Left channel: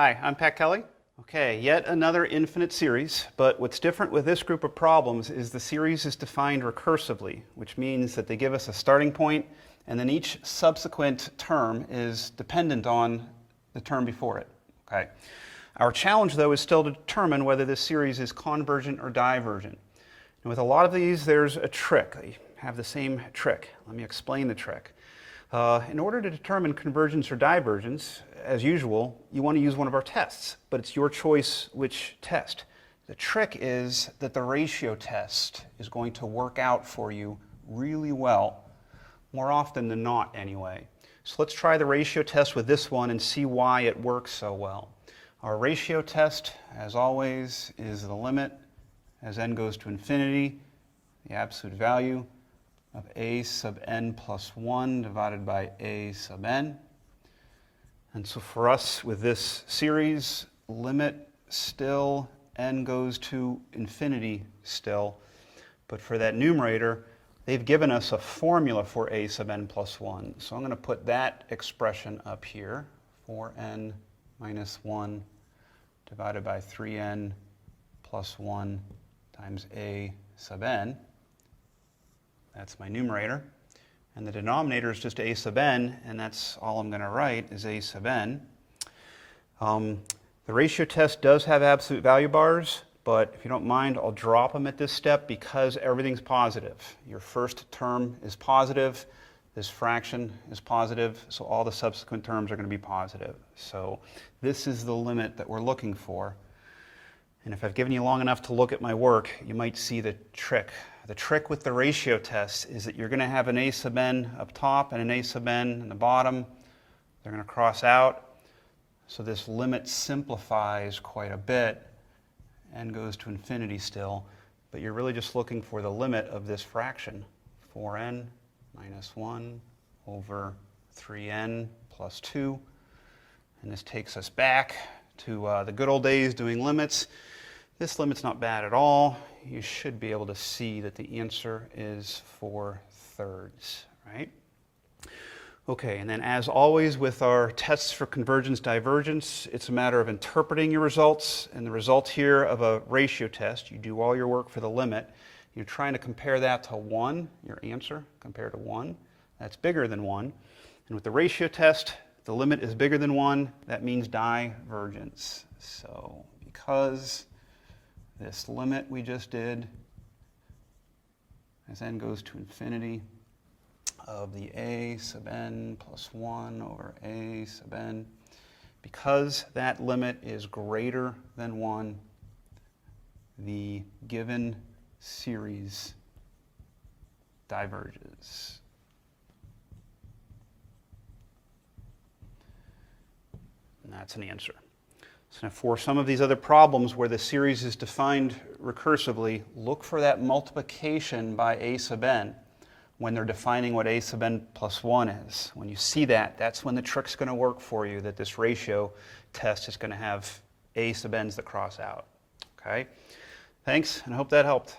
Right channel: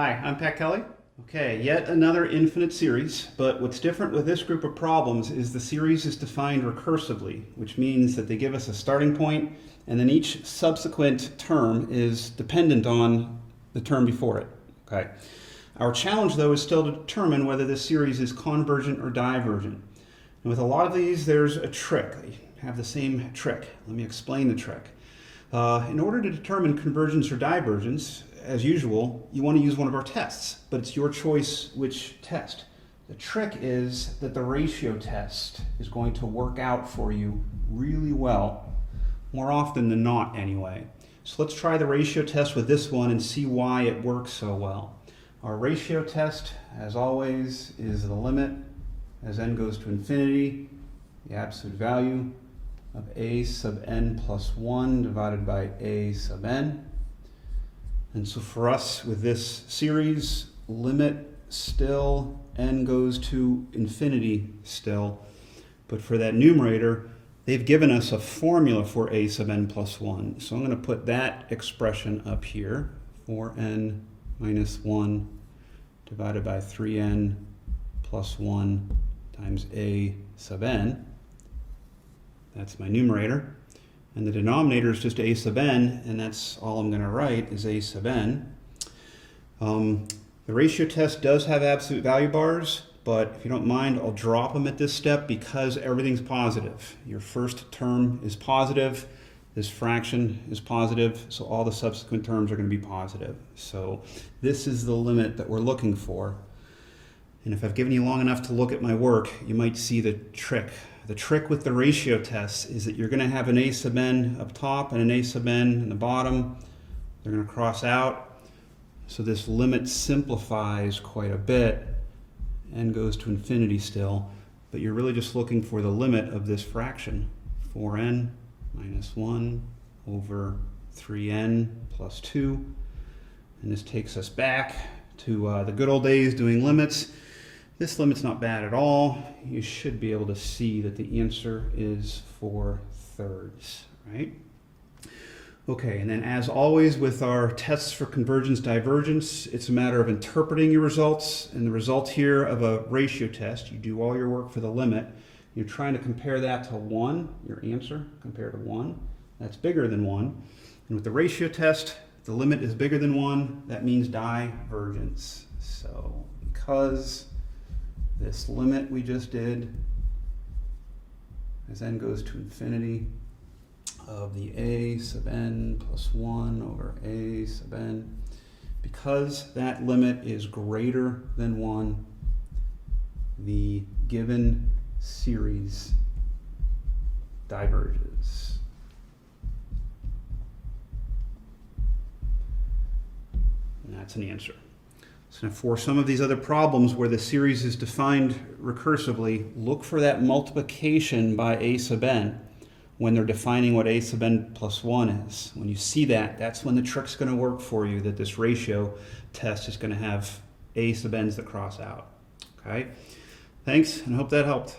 Hi, I'm Pat Kelly. Okay, yet another infinite series, but what's different with this group of problems is the series is defined recursively, which means that they give us a starting point and then each subsequent term is dependent on the term before it. Okay. Our challenge though is still to determine whether this series is convergent or divergent. And with a lot of these there's a trick. They have the same trick. Let me explain the trick. In order to determine convergence or divergence, as usual, you want to use one of our tests, but it's your choice which test. The trick is that the ratio test is going to work out for you really well, more often than not anyway. So let's try the ratio test with this one and see why it works so well. Our ratio test, as always, is the limit as n goes to infinity, the absolute value of a sub n plus 1 divided by a sub n. And so for us with this series, limit still, n goes to infinity still. But for that numerator, they've given us a formula for a sub n plus 1. So I'm going to put that expression up here, 4n minus 1 divided by 3n plus 1 times a sub n. That's my numerator. And the denominator is just a sub n, and that's all I'm going to write is a sub n. The ratio test does have absolute value bars, but if you don't mind, I'll drop them at this step because everything's positive. Your first term is positive, this fraction is positive, so all the subsequent terms are going to be positive. So this is the limit that we're looking for. And if I've given you long enough to look at my work, you might see the trick. The trick with the ratio test is that you're going to have an a sub n up top and an a sub n in the bottom. They're going to cross out. So this limit simplifies quite a bit. N goes to infinity still, but you're really just looking for the limit of this fraction. 4n minus 1 over 3n plus 2. And this takes us back to the good old days doing limits. This limit's not bad at all. You should be able to see that the answer is 4/3, right? Okay, and then as always with our tests for convergence, divergence, it's a matter of interpreting your results. And the result here of a ratio test, you do all your work for the limit. You're trying to compare that to 1, your answer compared to 1. That's bigger than 1. And with the ratio test, the limit is bigger than 1. That means divergence. So because this limit we just did, as n goes to infinity, of the a sub n plus 1 over a sub n, because that limit is greater than 1, the given series diverges. And that's an answer. So for some of these other problems where the series is defined recursively, look for that multiplication by a sub n when they're defining what a sub n plus 1 is. When you see that, that's when the trick's going to work for you, that this ratio test is going to have a sub n's that cross out. Okay? Thanks, and I hope that helped.